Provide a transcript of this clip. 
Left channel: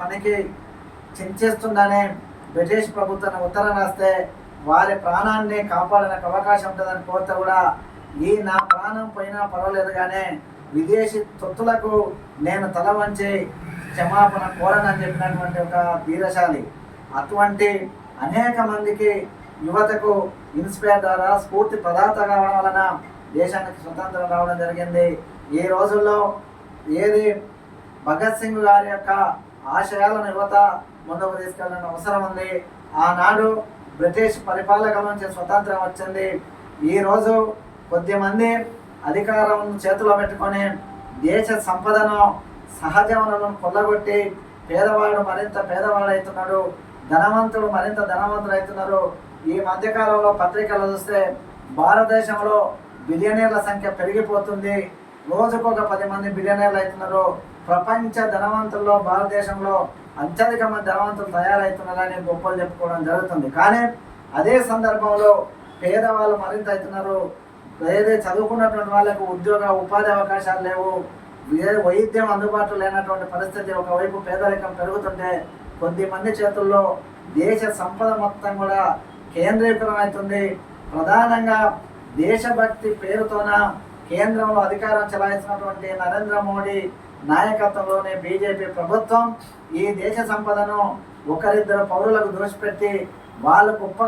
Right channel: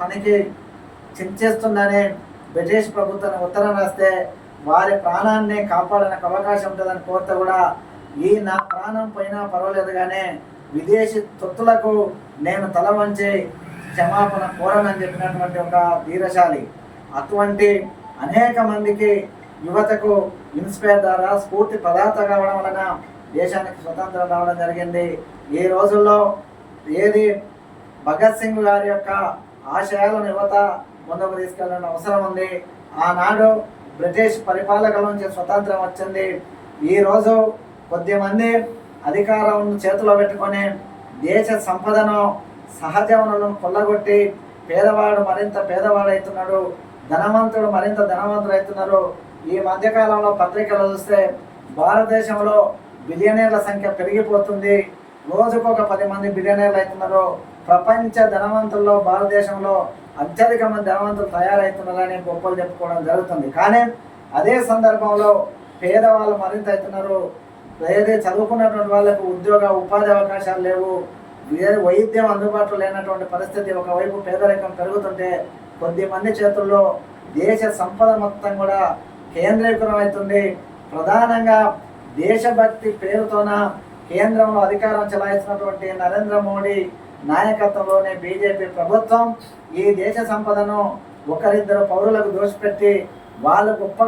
మనకి చించేస్తుందనే బ్రిటిష్ ప్రభుత్వాన్ని ఉత్తరం రాస్తే వారి ప్రాణాన్ని కాపాడడానికి అవకాశం ఉంటుందని కోరితే కూడా ఈ నా ప్రాణం పోయినా పర్వాలేదు కానీ విదేశీ తొత్తులకు నేను తల వంచి క్షమాపణ కోరనని చెప్పినటువంటి ఒక ధీరశాలి. అటువంటి అనేక మందికి యువతకు ఇన్స్పైర్ ద్వారా స్ఫూర్తి ప్రదాత కావడం వలన దేశానికి స్వతంత్రం రావడం జరిగింది. ఈ రోజుల్లో ఏది భగత్ సింగ్ గారి యొక్క ఆశయాలను యువత ముందుకు తీసుకెళ్ళాలని అవసరం ఉంది. ఆనాడు బ్రిటిష్ పరిపాలకుల నుంచి స్వతంత్రం వచ్చింది. ఈరోజు కొద్దిమంది అధికారం చేతిలో పెట్టుకొని దేశ సంపదను సహజ వనరులను కొల్లగొట్టి పేదవాడు మరింత పేదవాడవుతున్నాడు, ధనవంతుడు మరింత ధనవంతుడు అవుతున్నారు. ఈ మధ్యకాలంలో పత్రికలు చూస్తే భారతదేశంలో బిలియనీర్ల సంఖ్య పెరిగిపోతుంది. రోజుకొక 10 మంది బిలియనీర్లు అవుతున్నారు. ప్రపంచ ధనవంతుల్లో భారతదేశంలో అత్యధిక మంది ధనవంతులు తయారవుతున్నారని గొప్పలు చెప్పుకోవడం జరుగుతుంది. కానీ అదే సందర్భంలో పేదవాళ్ళు మరింత అవుతున్నారు. ఏదైతే చదువుకున్నటువంటి వాళ్ళకు ఉపాధి అవకాశాలు లేవు, వైద్యం అందుబాటులో లేనటువంటి పరిస్థితి. ఒకవైపు పేదరికం పెరుగుతుంటే కొద్దిమంది చేతుల్లో దేశ సంపద మొత్తం కూడా కేంద్రీకృతం అవుతుంది. ప్రధానంగా దేశభక్తి పేరుతోన కేంద్రంలో అధికారం చెలాయిస్తున్నటువంటి నరేంద్ర మోడీ నాయకత్వంలోని బీజేపీ ప్రభుత్వం ఈ దేశ సంపదను ఒకరిద్దరు పౌరులకు దోషపెట్టి వాళ్ళు గొప్ప